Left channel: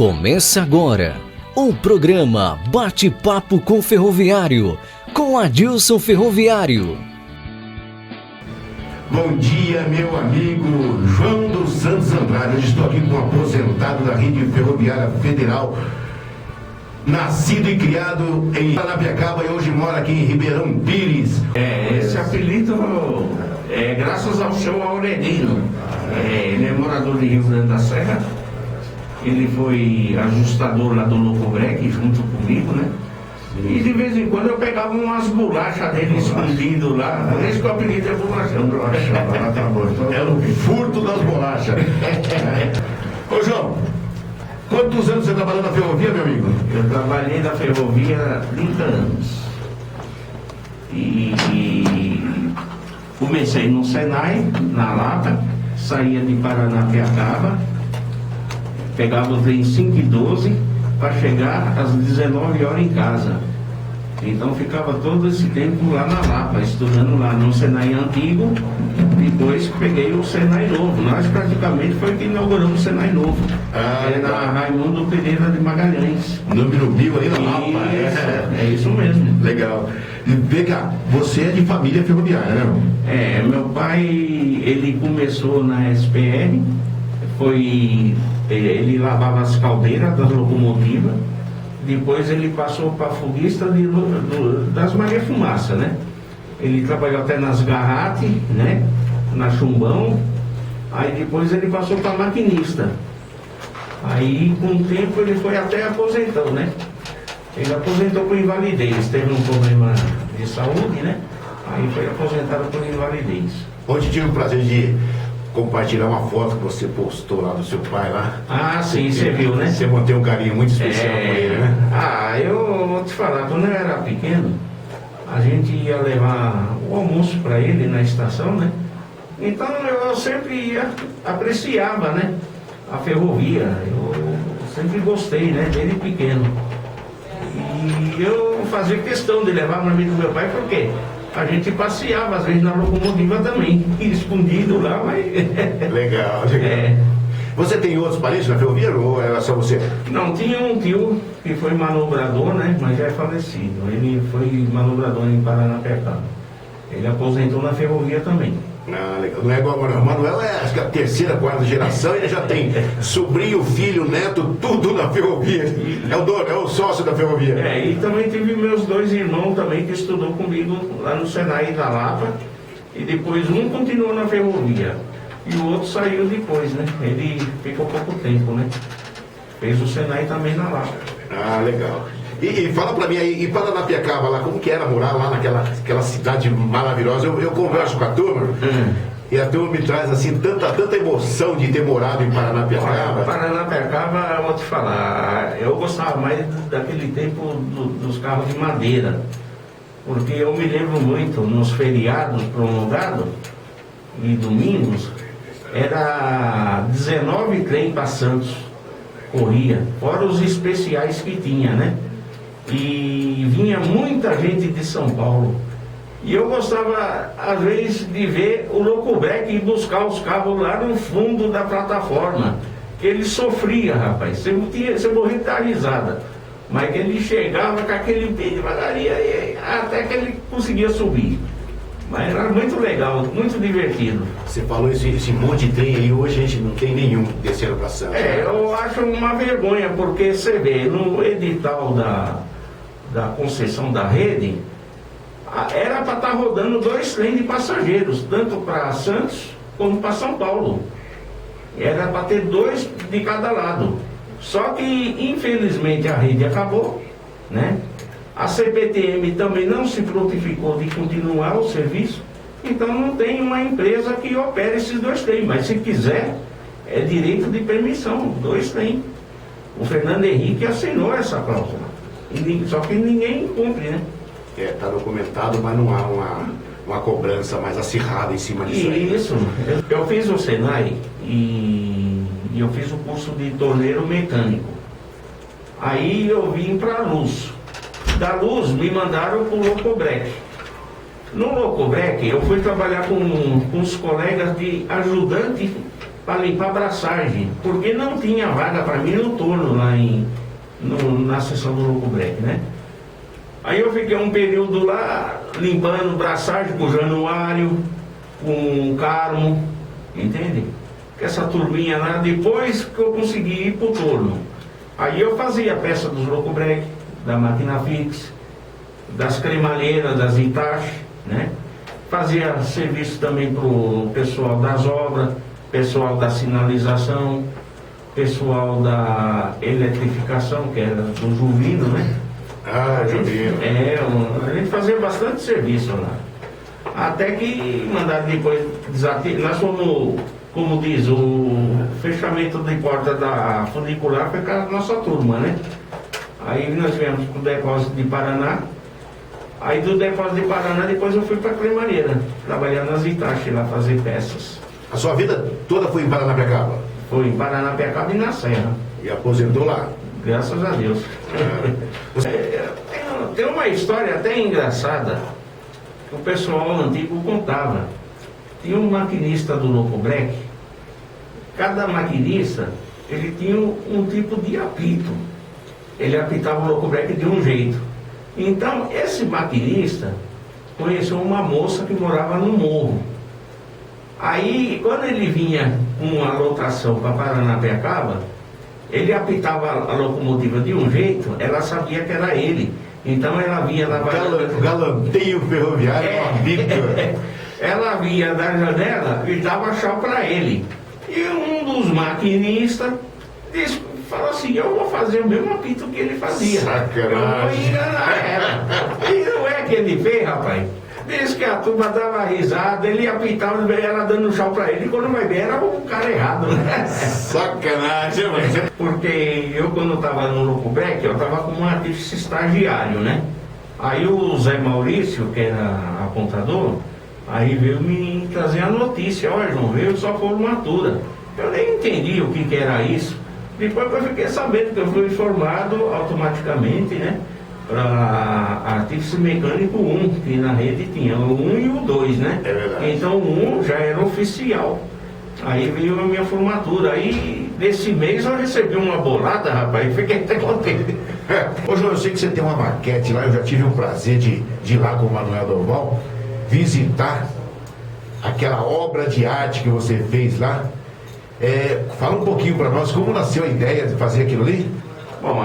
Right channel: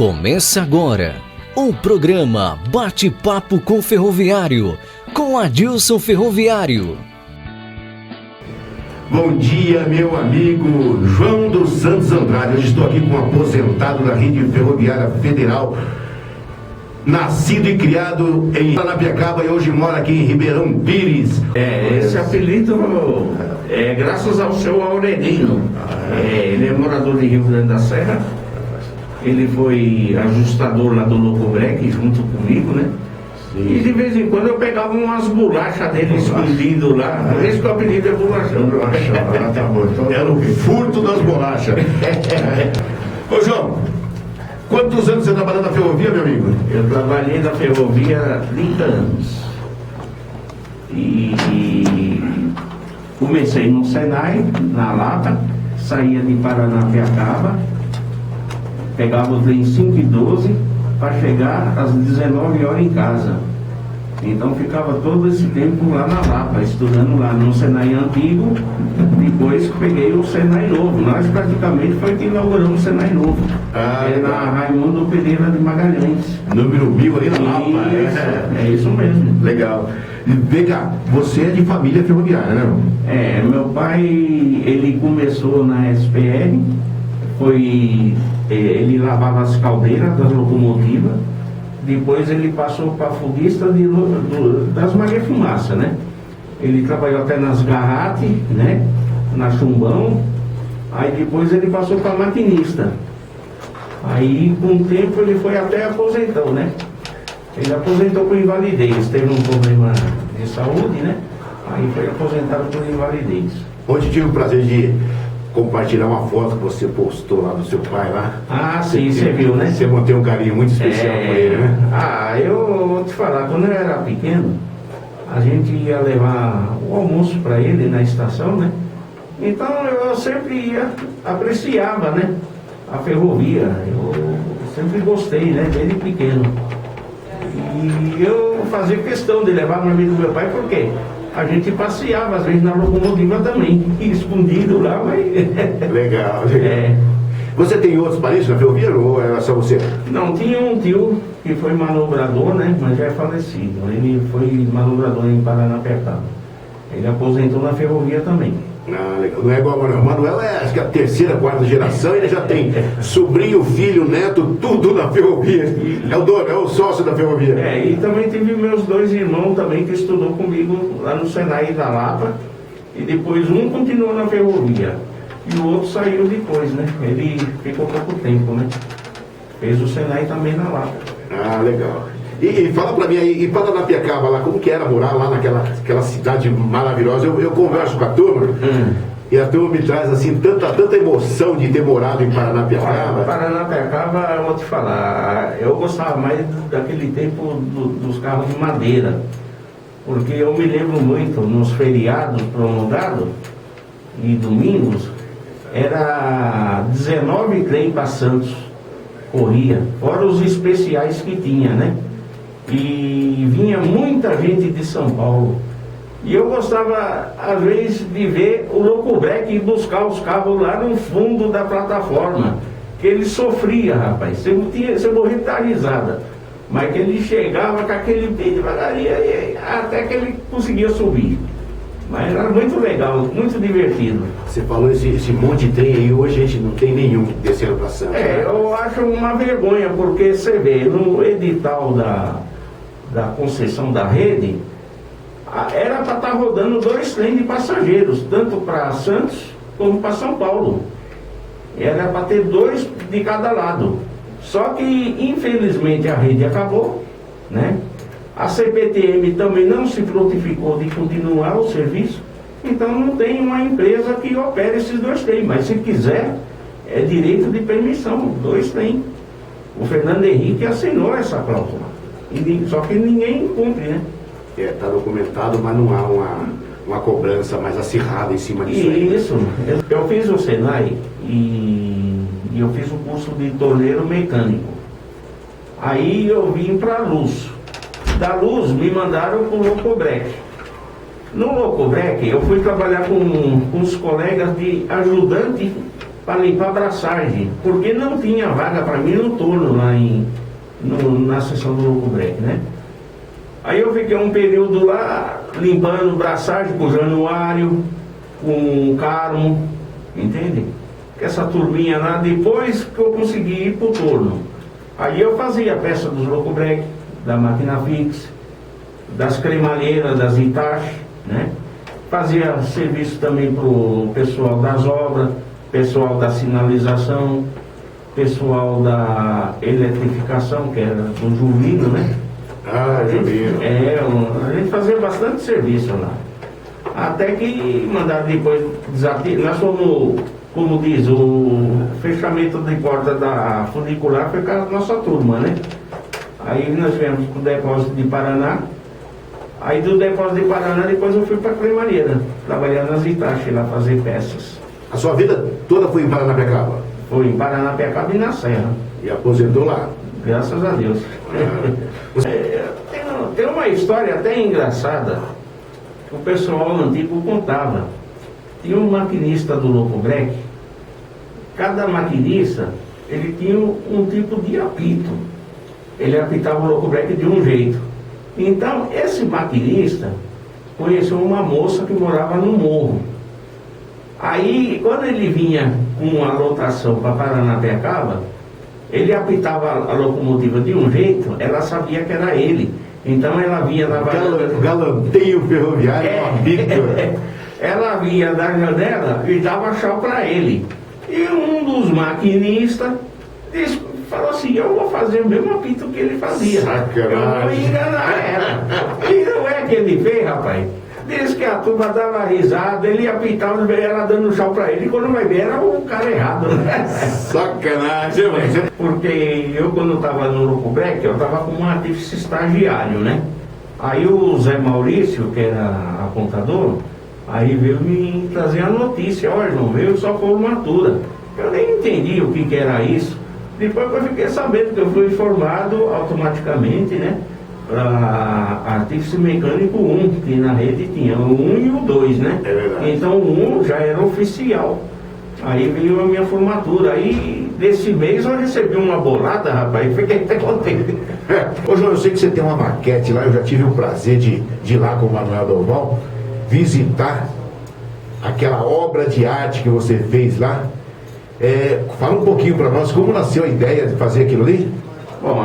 Começa agora o programa Bate-Papo com Ferroviário, com Adilson Ferroviário. Bom dia, meu amigo João dos Santos Andrade. Hoje estou aqui com um aposentado da Rede Ferroviária Federal, nascido e criado em Paranapiacaba e hoje mora aqui em Ribeirão Pires. Esse apelido é graças ao seu Aurelino. Ele é morador de Rio Grande da Serra. Ele foi ajustador lá do Locobrec junto comigo, né? Sim. E de vez em quando eu pegava umas bolachas dele escondido lá. Por isso que o apelido é bolachão. Era o furto das bolachas. Ô João, quantos anos você trabalhou na ferrovia, meu amigo? Eu trabalhei na ferrovia 30 anos. E comecei no Senai, na Lata, saía de Paranapiacaba, pegava o trem 5h12 para chegar às 19 horas em casa. Então ficava todo esse tempo lá na Lapa, estudando lá no Senai antigo. Depois peguei o Senai novo. Nós praticamente foi que inauguramos o Senai novo. Na Raimundo Pereira de Magalhães. Número 1000 ali na Lapa. É isso mesmo. Legal. E vem cá, você é de família ferroviária, né? Meu pai, ele começou na SPR, ele lavava as caldeiras das locomotivas. Depois ele passou para foguista das Maria Fumaça, né? Ele trabalhou até nas Garrate, né? Na Chumbão. Aí depois ele passou para maquinista. Aí com o tempo ele foi até aposentão, né? Ele aposentou por invalidez, teve um problema de saúde, né? Aí foi aposentado por invalidez. Ontem tive o prazer de compartilhar uma foto que você postou lá do seu pai lá. Ah, sim, você viu, né? Você mantém um carinho muito especial com ele, né? Eu vou te falar, quando eu era pequeno, a gente ia levar o almoço para ele na estação, né? Então eu sempre apreciava, né? A ferrovia, eu sempre gostei, né? Desde pequeno. E eu fazia questão de levar no amigo do meu pai, porque a gente passeava, às vezes, na locomotiva também, escondido lá, mas... Legal. Você tem outros parentes na ferrovia ou era só você? Não, tinha um tio que foi manobrador, né, mas já é falecido. Ele foi manobrador em Paranapiacaba. Ele aposentou na ferrovia também. Legal. Não é igual o Manuel, acho que a terceira, quarta geração, ele já tem sobrinho, filho, neto, tudo na ferrovia. É o dono, é o sócio da ferrovia. E também tive meus dois irmãos também que estudou comigo lá no Senai da Lapa. E depois um continuou na ferrovia e o outro saiu depois, né? Ele ficou pouco tempo, né? Fez o Senai também na Lapa. Legal. E fala pra mim aí, em Paranapiacaba lá, como que era morar lá naquela cidade maravilhosa? Eu converso com a turma e a turma me traz assim tanta emoção de ter morado em Paranapiacaba. Paranapiacaba, eu vou te falar, eu gostava mais daquele tempo dos carros de madeira, porque eu me lembro muito nos feriados prolongados e domingos, era 19 trem para Santos, corria, fora os especiais que tinha, né? E vinha muita gente de São Paulo. E eu gostava, às vezes, de ver o Locobrec ir buscar os carros lá no fundo da plataforma. Que ele sofria, rapaz. Você morria de dar risada. Mas que ele chegava com aquele bem devagarinho até que ele conseguia subir. Mas era muito legal, muito divertido. Você falou esse monte de trem aí, hoje a gente não tem nenhum descendo para Santos. Eu acho uma vergonha, porque você vê, no edital da concessão da rede, era para estar rodando 2 trens de passageiros, tanto para Santos como para São Paulo. Era para ter 2 de cada lado. Só que, infelizmente, a rede acabou, né? A CPTM também não se prontificou de continuar o serviço, então não tem uma empresa que opere esses 2 trens. Mas se quiser, é direito de permissão, 2 trens. O Fernando Henrique assinou essa cláusula. Só que ninguém cumpre, né? Está documentado, mas não há uma cobrança mais acirrada em cima disso aí. Isso. Eu fiz o Senai e eu fiz o curso de torneiro mecânico. Aí eu vim para a Luz. Da Luz me mandaram para o Locobrec. No Locobrec eu fui trabalhar com os colegas de ajudante para limpar a braçagem, porque não tinha vaga para mim no turno lá na seção do Locobreque, né? Aí eu fiquei um período lá limpando braçagem com o Januário, com o Carmo, entende? Com essa turminha lá, depois que eu consegui ir pro turno. Aí eu fazia a peça dos Locobreque, da máquina fixa, das cremalheiras, das Itachi, né? Fazia serviço também pro pessoal das obras, pessoal da sinalização, pessoal da eletrificação, que era do Juvino, né? Ah, Juvino. A gente fazia bastante serviço lá. Até que mandaram depois desativar. Nós fomos, como diz, o fechamento de porta da funicular foi com a nossa turma, né? Aí nós viemos para o depósito de Paraná. Aí do depósito de Paraná, depois eu fui para Cremalheira, trabalhar nas Itachi lá, fazer peças. A sua vida toda foi em Paranapiacaba? Foi em Paranapiacaba e na Serra. E aposentou lá? Graças a Deus. Tem uma história até engraçada que o pessoal antigo contava. Tinha um maquinista do Locobreque. Cada maquinista, ele tinha um tipo de apito. Ele apitava o Locobreque de um jeito. Então, esse maquinista conheceu uma moça que morava no morro. Aí, quando ele vinha com a lotação para Paranapiacaba, ele apitava a locomotiva de um jeito, ela sabia que era ele. Então, ela vinha da galanteio ferroviário, ela vinha da janela e dava chá para ele. E um dos maquinistas falou assim: eu vou fazer o mesmo apito que ele fazia. Sacanagem. Eu vou enganar ela. E não é que ele fez, rapaz. Diz que a turma dava risada, ele apitava, ela dando chá pra ele, e quando vai ver era o cara errado, né? Sacanagem. Porque eu, quando estava no Locobreque, eu estava como um artífice estagiário, né? Aí o Zé Maurício, que era apontador, aí veio me trazer a notícia: ó, João, veio só formatura. Eu nem entendi o que era isso. Depois eu fiquei sabendo que eu fui informado automaticamente, né? Para artífice mecânico 1, que na rede tinha o 1 e o 2, né? É verdade. Então o 1 já era oficial. Aí veio a minha formatura. Aí, desse mês, eu recebi uma bolada, rapaz, e fiquei até contente. Ô, João, eu sei que você tem uma maquete lá, eu já tive o prazer de ir lá com o Manuel Doval, visitar aquela obra de arte que você fez lá. Fala um pouquinho para nós, como nasceu a ideia de fazer aquilo ali? Bom,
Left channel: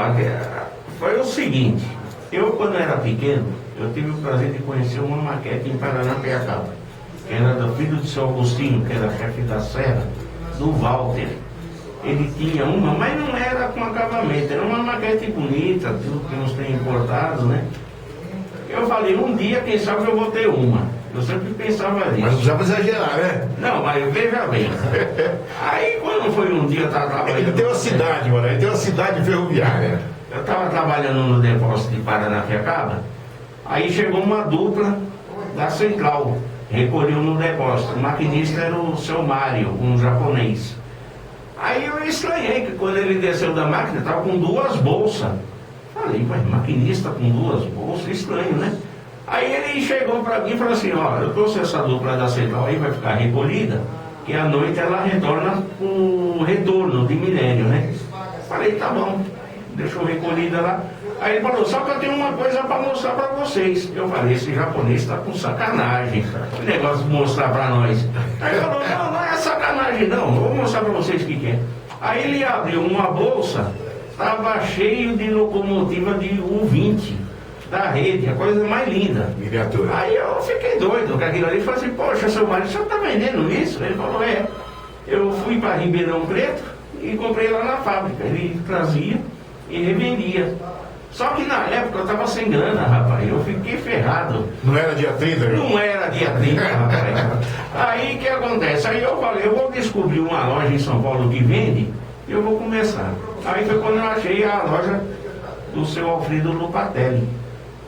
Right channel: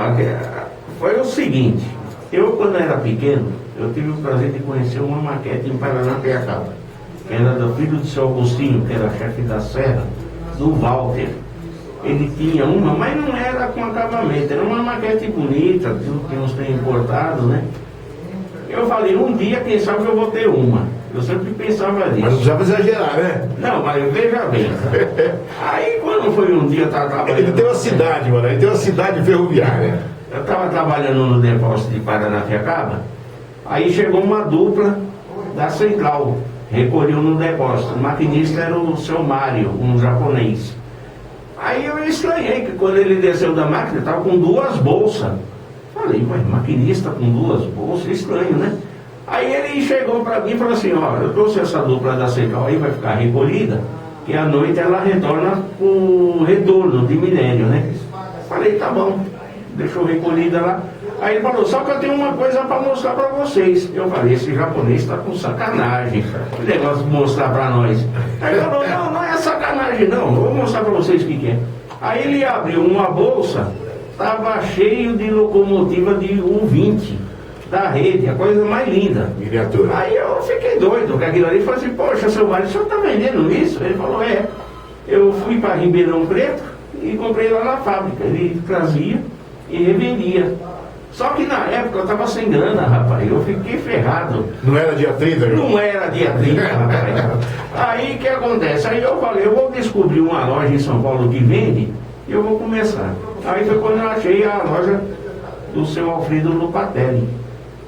foi o seguinte: eu, quando era pequeno, eu tive o prazer de conhecer uma maquete em Paranapiacaba, que era do filho de seu Agostinho, que era chefe da serra, do Walter. Ele tinha uma, mas não era com acabamento, era uma maquete bonita, que uns têm importado, né? Eu falei, um dia, quem sabe eu vou ter uma. Eu sempre pensava nisso. Mas não precisava exagerar, né? Não, mas veja bem. Aí, quando foi um dia, eu estava trabalhando... Ele tem uma cidade, mano, ele tem uma cidade ferroviária. Eu estava trabalhando no depósito de Paranapiacaba, aí chegou uma dupla da central, recolheu no depósito. O maquinista era o seu Mário, um japonês. Aí eu estranhei que quando ele desceu da máquina, estava com 2 bolsas. Falei, mas maquinista com 2 bolsas, estranho, né? Aí ele chegou para mim e falou assim: ó, eu trouxe essa dupla da central aí, vai ficar recolhida, que à noite ela retorna com o retorno de minério, né? Falei, tá bom, deixou recolhida lá. Aí ele falou, só que eu tenho uma coisa para mostrar para vocês. Eu falei, esse japonês está com sacanagem, o negócio de mostrar para nós. Aí ele falou, não é sacanagem não, vou mostrar para vocês o que é. Aí ele abriu uma bolsa, estava cheio de locomotiva de U20 da rede, a coisa mais linda. Miniatura. Aí eu fiquei doido com aquilo ali, falei assim, poxa, seu marido, o senhor está vendendo isso? Ele falou, eu fui para Ribeirão Preto e comprei lá na fábrica. Ele trazia e revendia. Só que na época eu estava sem grana, rapaz, eu fiquei ferrado. Não era dia 30, viu? Não era dia 30, rapaz. Aí o que acontece? Aí eu falei, eu vou descobrir uma loja em São Paulo que vende e eu vou começar. Aí foi quando eu achei a loja do seu Alfredo Lupatelli.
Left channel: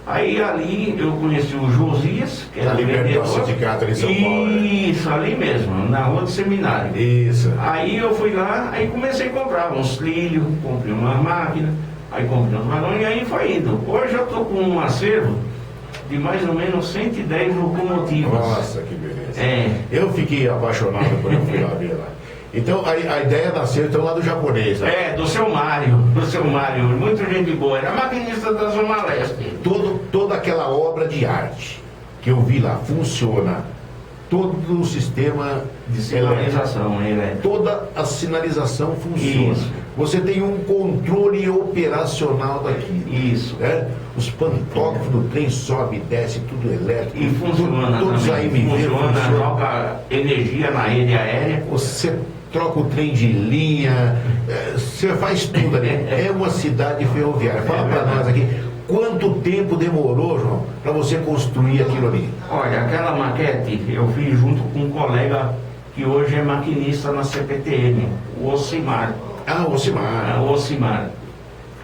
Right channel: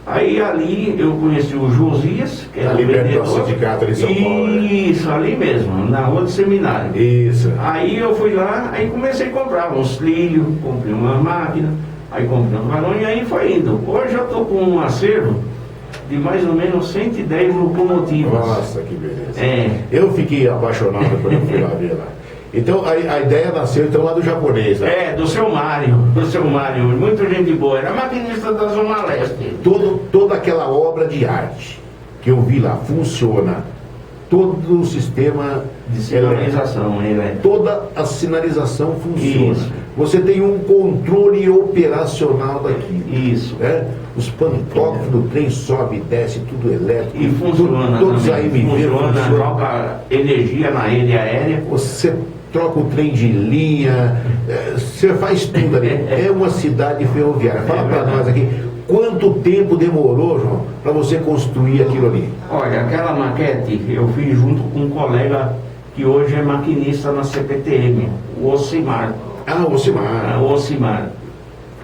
Aí ali eu conheci o Josias, que era ali perto vendedor. do sindicato ali em São Paulo. Isso, ali mesmo, na rua do seminário. Isso. Aí eu fui lá, aí comecei a comprar uns trilhos, comprei uma máquina, aí comprei um balão e aí foi indo. Hoje eu estou com um acervo de mais ou menos 110 locomotivas. Nossa, que beleza. É. Eu fiquei apaixonado quando eu fui lá ver lá. Então a ideia nasceu então lá do japonês, né? É, do seu Mário, muito gente boa, era maquinista da Zona Leste. Toda aquela obra de arte que eu vi lá funciona. Todo o sistema De sinalização, toda a sinalização funciona. Isso. Você tem um controle operacional daquilo. Isso. Né? Os pantógrafos do trem sobe e desce, tudo elétrico. E funciona. Todos também. aí me viram. Funciona, joga energia na rede aérea. Você troca o trem de linha, você faz tudo ali. É uma cidade ferroviária. Fala para nós aqui. Quanto tempo demorou, João, para você construir aquilo ali? Olha, aquela maquete eu fiz junto com um colega que hoje é maquinista na CPTM, o Ocimar. Ah, o Ocimar. O Ocimar.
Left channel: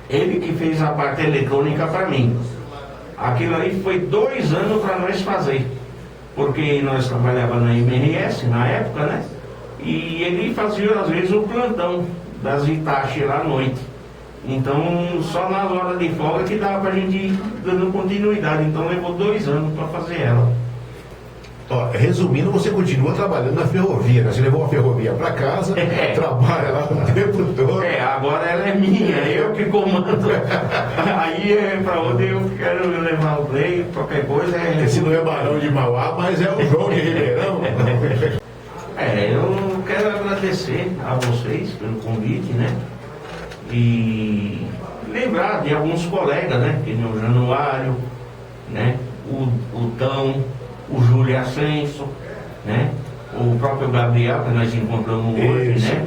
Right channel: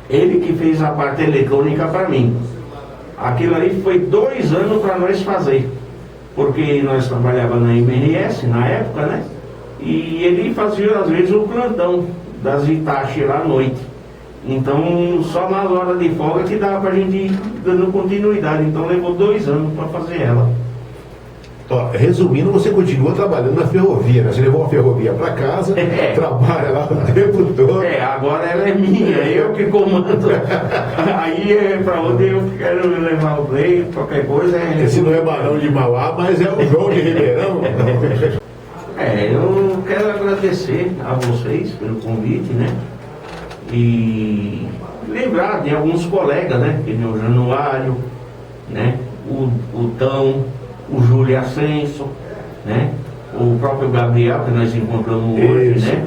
Ele que fez a parte eletrônica para mim. Aquilo aí foi 2 anos para nós fazer. Porque nós trabalhávamos na MRS na época, né? E ele fazia às vezes o plantão das Itachi lá à noite. Então, só nas horas de folga que dava pra gente ir dando continuidade. Então, levou 2 anos para fazer ela. Ó, resumindo, você continua trabalhando na ferrovia, né? Você levou a ferrovia para casa, trabalha lá o tempo todo. Agora ela é minha, eu que comando. Aí é para onde eu quero levar o trem, qualquer coisa. Esse não é Barão de Mauá, mas é o João de Ribeirão. Eu quero agradecer a vocês pelo convite, né? E lembrar de alguns colegas, né? Que nem o Januário, né? O Tão, o Júlio Ascenso, né? O próprio Gabriel, que nós encontramos hoje, né?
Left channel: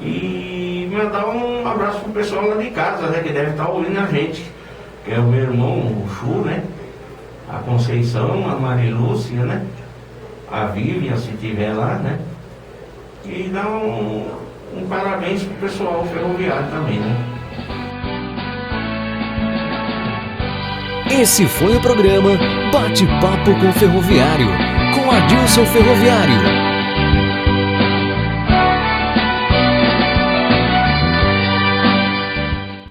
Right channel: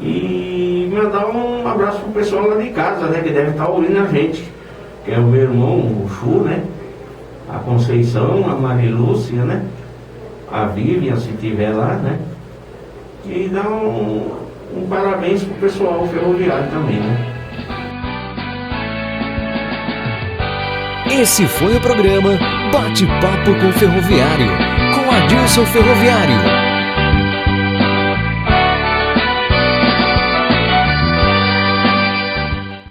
E mandar um abraço pro pessoal lá de casa, né? Que deve estar ouvindo a gente. Que é o meu irmão, o Chu, né? A Conceição, a Marilúcia, né? A Vivian, se tiver lá, né? E dar um parabéns pro pessoal ferroviário também, né? Esse foi o programa Bate-Papo com Ferroviário, com Adilson Ferroviário.